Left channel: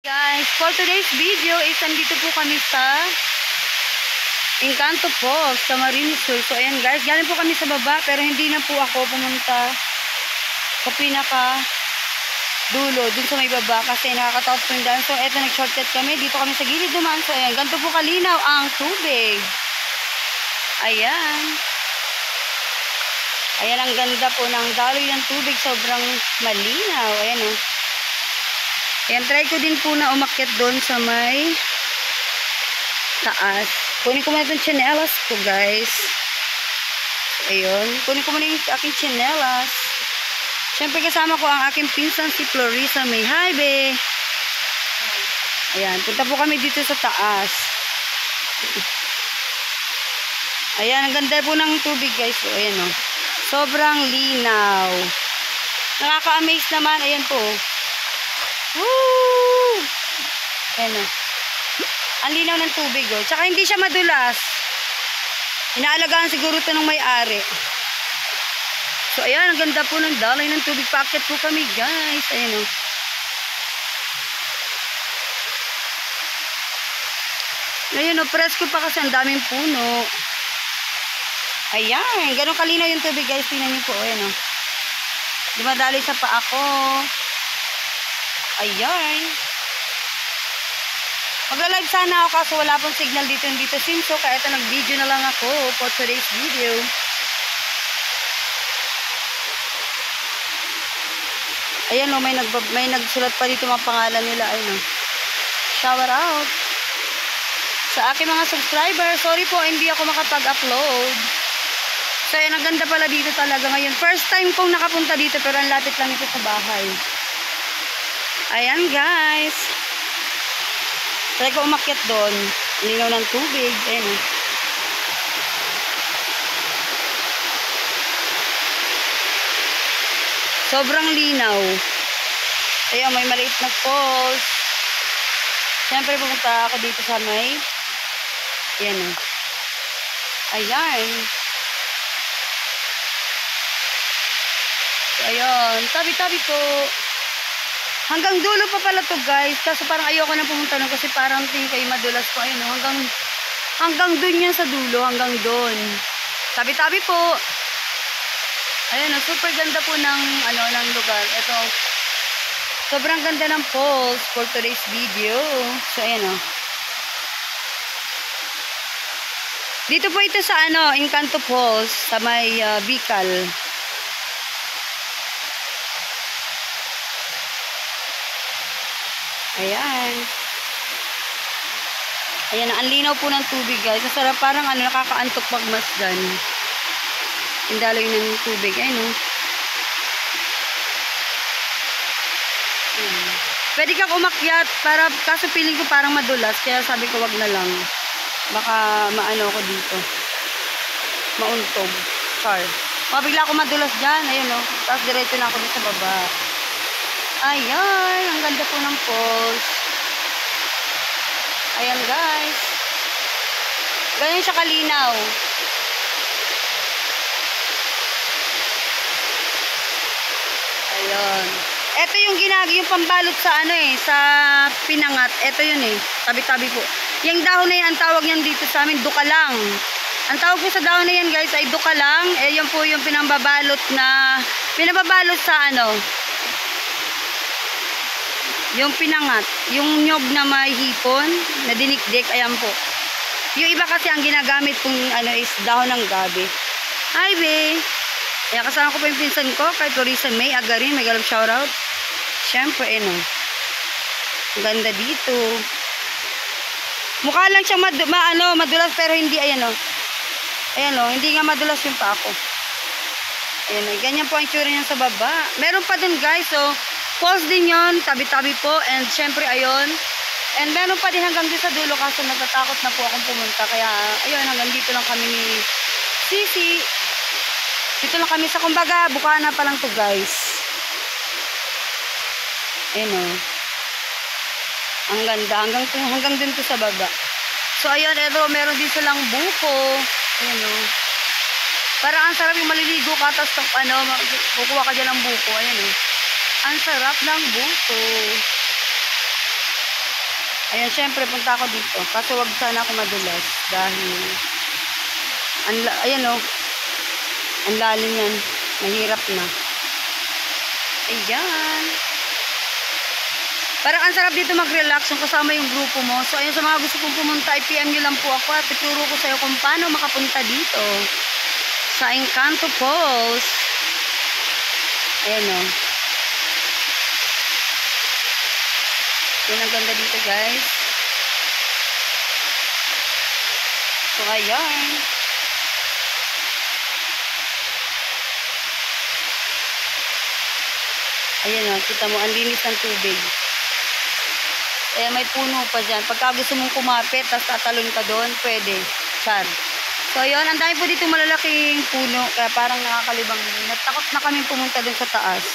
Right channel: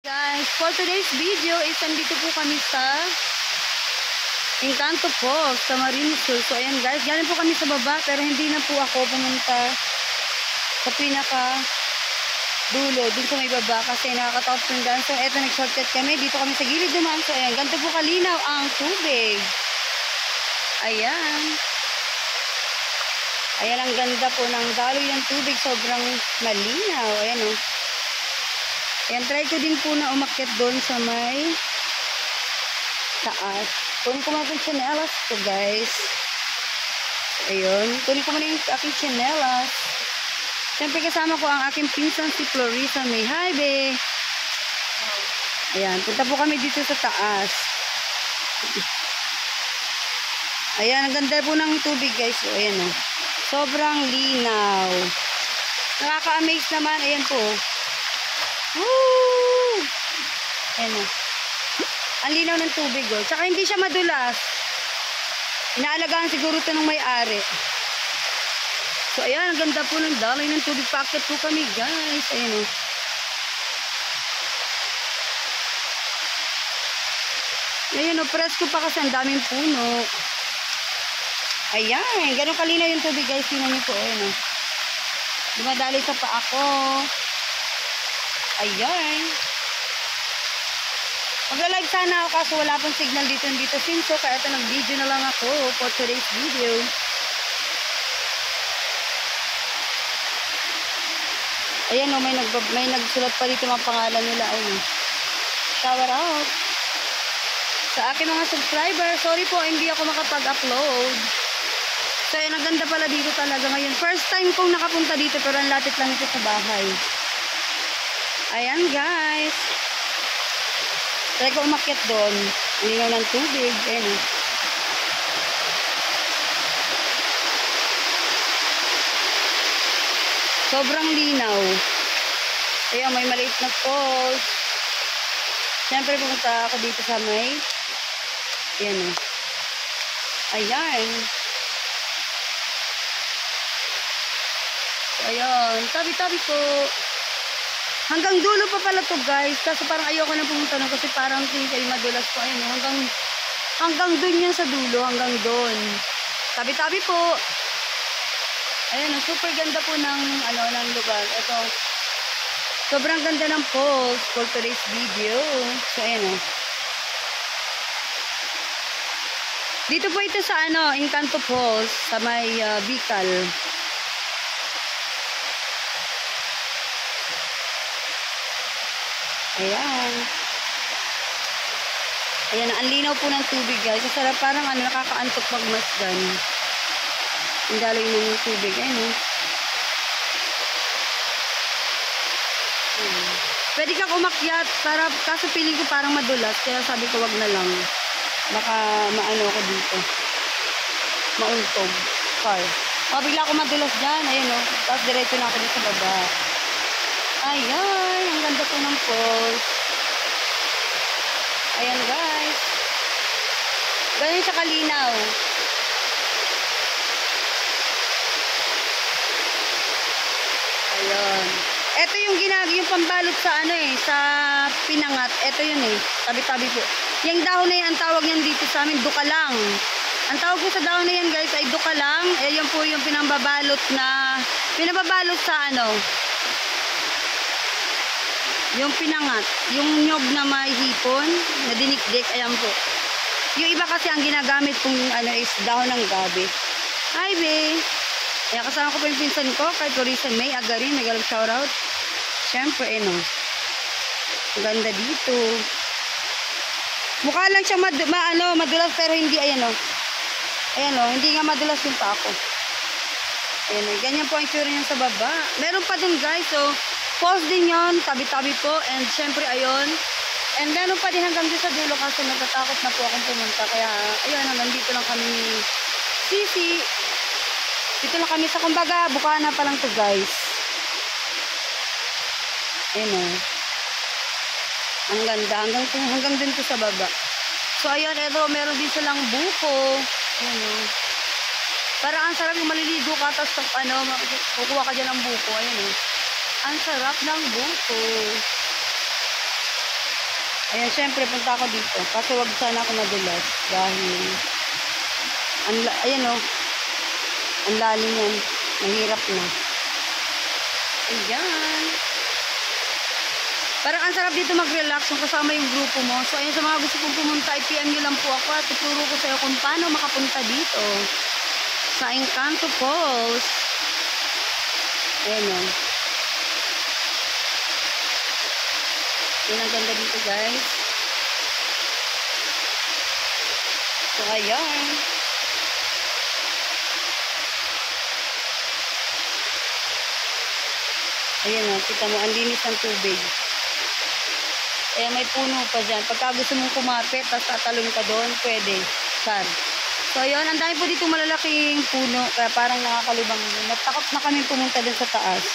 Guys, for today's video is nandito po kami sa Encanto Falls sa Marinis Sur. So ayan guys, galing po kami sa baba pero hindi na po ako pumunta sa pinaka dulo, dun sa may baba kasi nakakatakot po yung daan. So eto, nag-shortcut kami, dito kami sa gilid naman. So ayan, ganito po kalinaw ang tubig. Ayan. Ayan ang ganda po ng daloy ng tubig, sobrang malinaw. Ayan o. Ayan, try ko din po na umakyat doon sa may taas. Kunin ko muna itong tsinelas ko, guys. Ayun. Kunin ko muna yung aking tsinelas. Siyempre, kasama ko ang aking pinsan si Florissa May. Hi, be! Ayan, punta po kami dito sa taas. Ayan, ang ganda po ng tubig, guys. So, ayan, o. Sobrang linaw. Nakaka-amaze naman. Ayan po. Woo! Ayan o. Ang linaw ng tubig o. Tsaka hindi siya madulas. Inaalagaan siguro ito ng may-ari. So ayan, ang ganda po ng daloy ng tubig. Paakyat po kami guys. Ayan o. Ngayon o, presko pa kasi ang daming puno. Ayan, ganun kalinaw yung tubig guys. Tingnan niyo po. Ayan o. Dumadali sa paa ko. Ayan. Magla-live sana ako kaso wala pong signal dito Sinso. Kaya ito nag-video na lang ako for today's video. Ayan o, may nagsulat pa dito mga pangalan nila. Ayun o. Shout out sa aking mga subscriber. Sorry po, hindi ako makapag-upload. So ayan, ang ganda pala dito talaga ngayon. First time kong nakapunta dito pero ang lapit lang ito sa bahay. Ayan guys. Try ko umakyat doon. Linaw ng tubig. Ayan o. Sobrang linaw. Ayan, may maliit na falls. Siyempre pumunta ako dito sa may. Ayan o. Ayan. So ayan. Tabi-tabi po. Hanggang dulo pa pala to guys. Kaso parang ayoko na pumunta nun kasi parang tingin kayo madulas po. Ayun, hanggang dun yan sa dulo. Hanggang dun. Tabi-tabi po. Ayan, super ganda po ng lugar. Ito. Sobrang ganda ng falls for today's video. So ayan o. Dito po ito sa Encanto Falls sa may Bicol. Ayan. Ayan, ang linaw po ng tubig guys. Masarap, parang nakakaantok pag masdan. Ang daloy ng tubig. Ayan o. Ayan. Pwede kang umakyat, kaso feeling ko parang madulas. Kaya sabi ko wag na lang. Baka maano ko dito. Mauntog. Char. Bigla ako madulas dyan. Ayan o. Tapos diretso na ako dito sa baba. Ayan, ang ganda po ng falls. Ayan guys. Ganyan siya kalinaw. Ayun. Ito yung yung pambalot sa sa pinangat. Ito yun eh. Tabi-tabi po. Yung dahon na yan, ang tawag niyan dito sa amin, dukalang. Ang tawag po sa dahon na yan guys ay dukalang. Yan po yung pinababalot sa yung pinangat, yung nyog na may hipon, na dinikdik, ayan po. Yung iba kasi ang ginagamit pong is dahon ng gabi. Hi, be! Ayan, kasama ko po yung pinsan ko, kay Florissa May Agarin, may galap shoutout. Siyempre, ang ganda dito. Mukha lang siyang madulas, pero hindi, ayan o. Ayan o, hindi nga madulas yung pa ako. Ayan o, ganyan po ang tsura niyan sa baba. Meron pa dun guys, so, falls din yon, tabi-tabi po, and syempre ayun, and meron pa din hanggang dito sa dulo kaso natatakot na po akong pumunta, kaya ayun, hanggang dito lang kami ni Sisi. Dito lang kami sa kumbaga, Bukana pa lang to guys. Ayun o. Ang ganda, hanggang din to sa baba. So ayun, eto, meron din silang buko. Ayun o. Parang ang sarap yung maliligo ka, tapos kukuha ka dyan ng buko. Ayun o. Ang sarap ng buko. Ayan, syempre, punta ako dito. Kaso wag sana ako madulas. Dahil, ayan o, ang lalim yan. Mahirap na. Ayan. Parang ang sarap dito mag-relax kung kasama yung grupo mo. So, ayun, sa mga gusto kong pumunta, i-PM nyo lang po ako at ituro ko sa'yo kung paano makapunta dito. Sa Encanto Falls. Ayan o. Yan ang ganda dito, guys. So, ayan. Ayan o, kita mo, ang linis ng tubig. Kaya may puno pa dyan. Pagka gusto mong kumapit, tapos tatalon ka doon, pwede. Char. So, yun. Ang dami po dito malalaking puno. Kaya parang nakakalibang. Natakot na kami pumunta doon sa taas.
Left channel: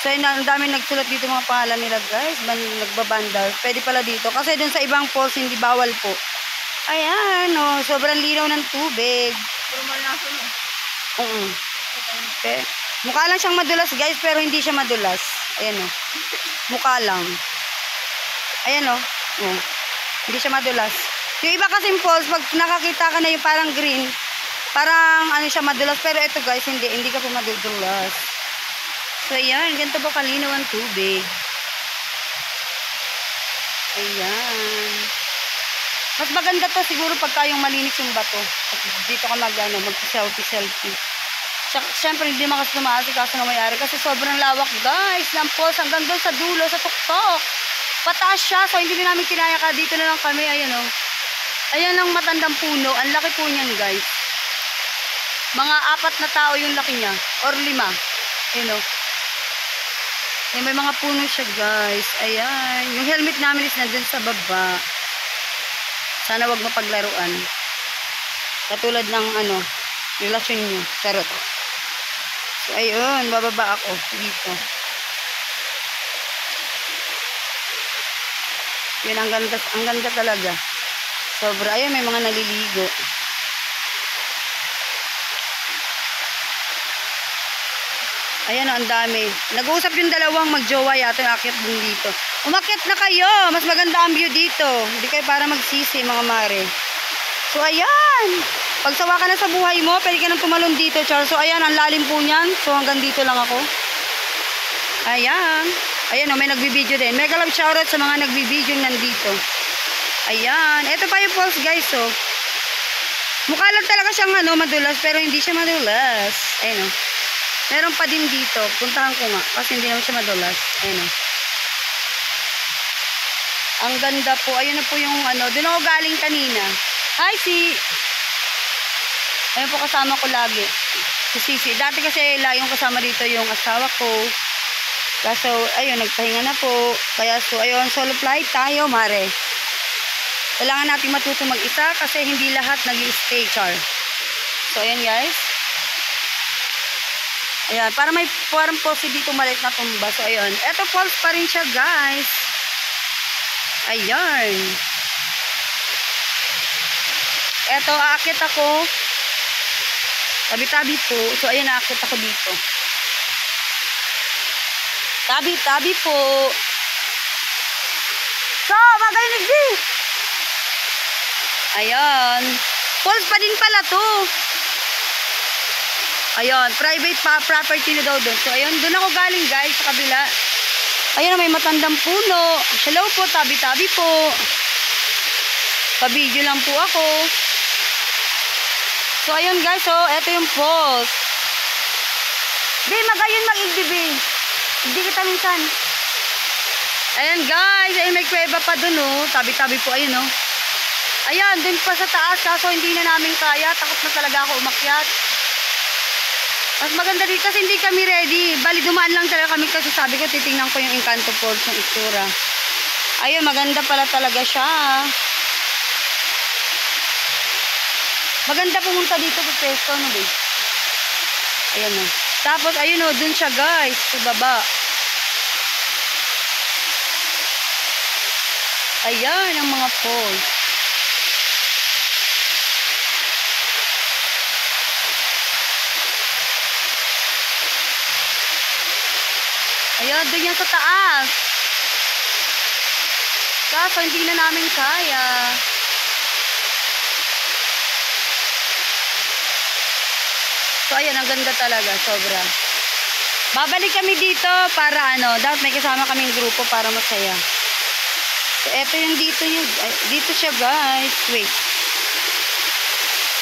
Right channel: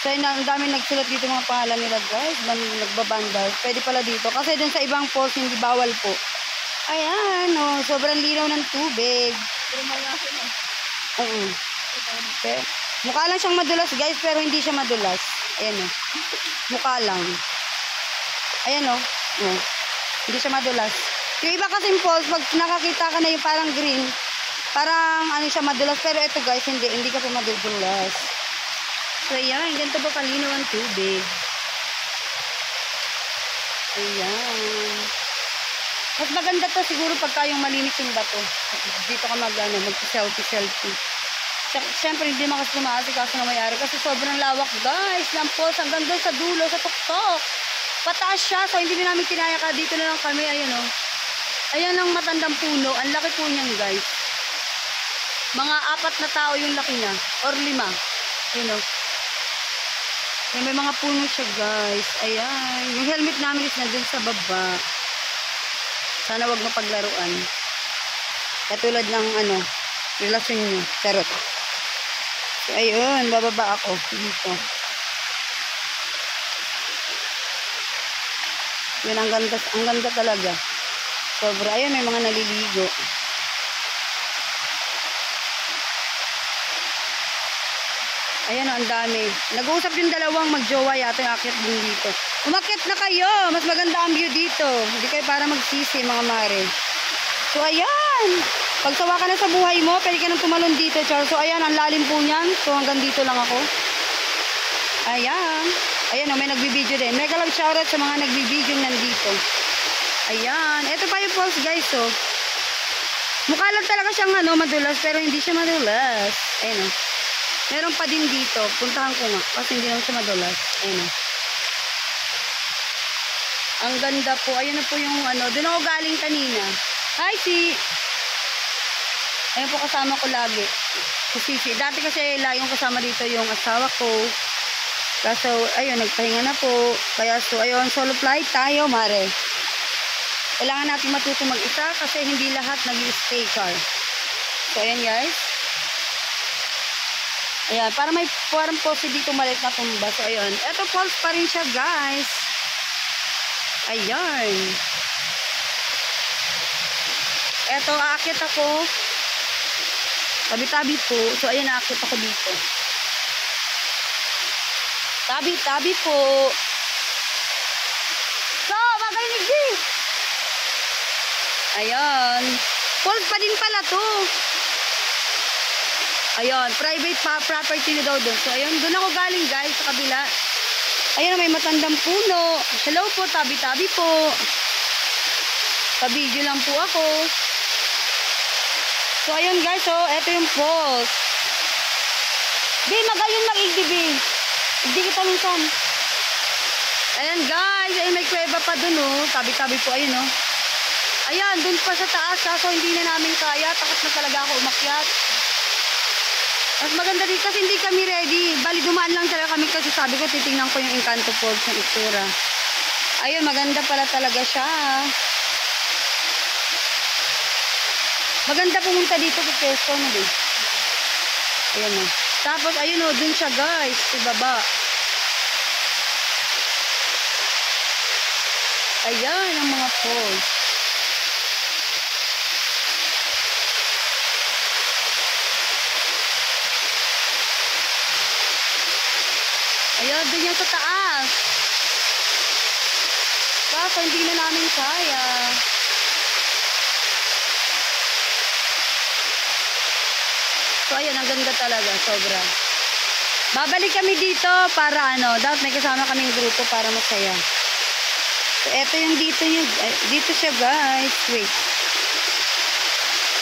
So, yun. Ang dami nagsulat dito mga pangalan nila, guys. Nagbabandal. Pwede pala dito. Kasi doon sa ibang falls, hindi bawal po. Ayan, o. Sobrang linaw ng tubig. Pero malaso, no? Okay. Mukha lang siyang madulas, guys. Pero hindi siya madulas. Ayan, o. Mukha lang. Ayan o. Oh. Hindi siya madulas. Yung iba kasing falls, pag nakakita ka na yung parang green, parang ano siya madulas. Pero ito guys, hindi ka po madudulas. So ayan, ganito ba kalinaw ang tubig. Ayan. Mas maganda to siguro pagka yung malinis yung bato. Dito ka mag-selfie. Siyempre hindi makas tumaasi kaso na mayari. Kasi sobrang lawak guys ng falls hanggang doon sa dulo, sa tuktok. Pataas siya, so hindi na namin kinaya ka. Dito na lang kami, ayan o. Ayan ang matandang puno. Ang laki po niyan, guys. Mga 4 na tao yung laki niya. Or 5. Ayan o. Ayan, may mga puno siya, guys. Ayan. Yung helmet namin is nandun sa baba. Sana wag mapaglaruan. Katulad ng, relasyon nyo. Charot. So, ayun. Bababa ako. Dito. Yun, ang ganda talaga. Sobra. Ayun, may mga naliligo. Ayan o, ang dami. Nag-uusap yung dalawang magjowa yata yung akyat din dito. Umakyat na kayo. Mas maganda ang view dito. Hindi kayo para magsisi, mga mare. So, ayan. Pag sawa ka na sa buhay mo, pwede ka nang tumalon dito, Char. So, ayan, ang lalim po niyan. So, hanggang dito lang ako. Ayan. Ayan o, may nagbibideo din. Mega love shoutout sa mga nagbibideo nandito. Ayan. Ito pa yung falls, guys, o. Mukha lang talaga siyang, madulas, pero hindi siya madulas. Ayan o. Meron pa din dito. Puntahan ko nga, kasi hindi naman siya madulas. Ayan o. Ang ganda po. Ayun na po yung, doon ako galing kanina. Hi, si. Ayun po kasama ko lagi. Si Sisi. Dati kasi laging kasama dito yung asawa ko. Kaso, ayun, nagpahinga na po. Kaya, so, ayun, solo flight tayo, mare. Kailangan natin matuto mag-isa kasi hindi lahat nag-i-stay, Char. So, ayun, guys. Ayan, para may parang pose dito maliit na tumba. So, ayun. Eto, falls pa rin siya, guys. Ayan. Eto, aakit ako. Tabi-tabi po. So, ayun, aakit ako dito. Tabi-tabi po. So, magalinig din. Ayan. Falls pa din pala to. Ayan. Private property na daw doon. So, ayan. Doon ako galing, guys, sa kabila. Ayan, may matandang puno. Hello po, tabi-tabi po. Pa-video lang po ako. So, ayun, guys. So, eto yung falls. Di, magayon mag-igdibi. Hindi kita minsan. Ayan guys, ayun may kuweba pa dun oh. Tabi-tabi po, ayun oh. Ayan, dun pa sa taas. Kaso hindi na namin kaya. Takot na talaga ako umakyat. Mas maganda dito kasi hindi kami ready. Bali, dumaan lang talaga kami kasi sabi ko, titingnan ko yung Encanto Falls ng itsura. Ayun, maganda pala talaga siya. Maganda pumunta dito sa pesto, no ba? Ayan oh. Tapos, ayun o, dun siya guys, sa baba. Ayan, ang mga falls. Ayan, dun yan sa taas. Kaso hindi na namin kaya. So ayan, ang ganda talaga, sobra. Babalik kami dito para dapat may kasama kaming grupo para masaya. So eto yung dito nyo, dito siya guys, wait.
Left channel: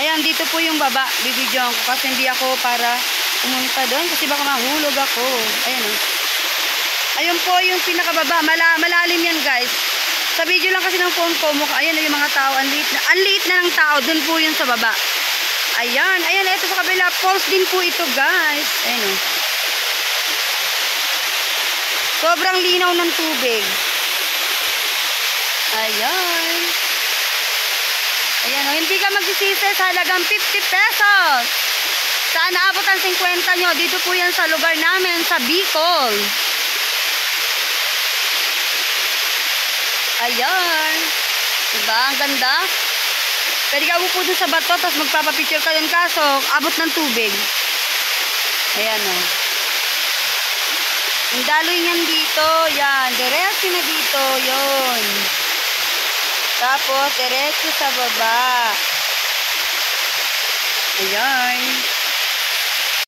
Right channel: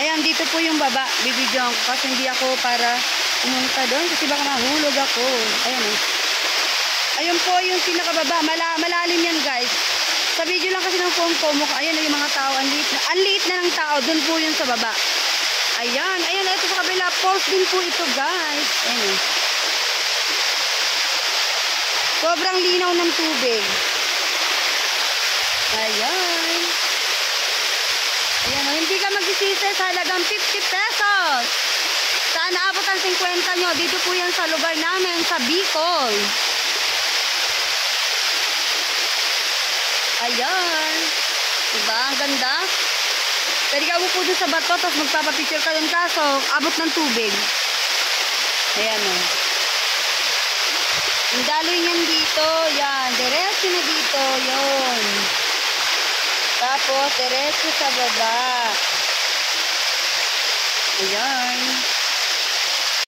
Ayan, dito po yung baba, bibidyoan ko kasi hindi ako para pumunta doon kasi baka mahulog ako. Ayan ayun po yung pinakababa, malalim yan guys. Sa video lang kasi ng phone ko, ayan yung mga tao, ang liit na ng tao, doon po yun sa baba. Ayan, ito sa kabila, falls din po ito guys. Ayan sobrang linaw ng tubig. Ayan. Ayan hindi ka magsisisi sa halagang 50 pesos. Saan naabot ang 50 nyo? Dito po yan sa lugar namin, sa Bicol. Ayan. Diba? Ang ganda. Pwede ka upo dun sa bato, tapos magpapapicture ka dun, kaso abot ng tubig. Ayan Yung daloy niyan dito, yan. Diretso na dito, yon. Tapos, diretso sa baba. Ayan.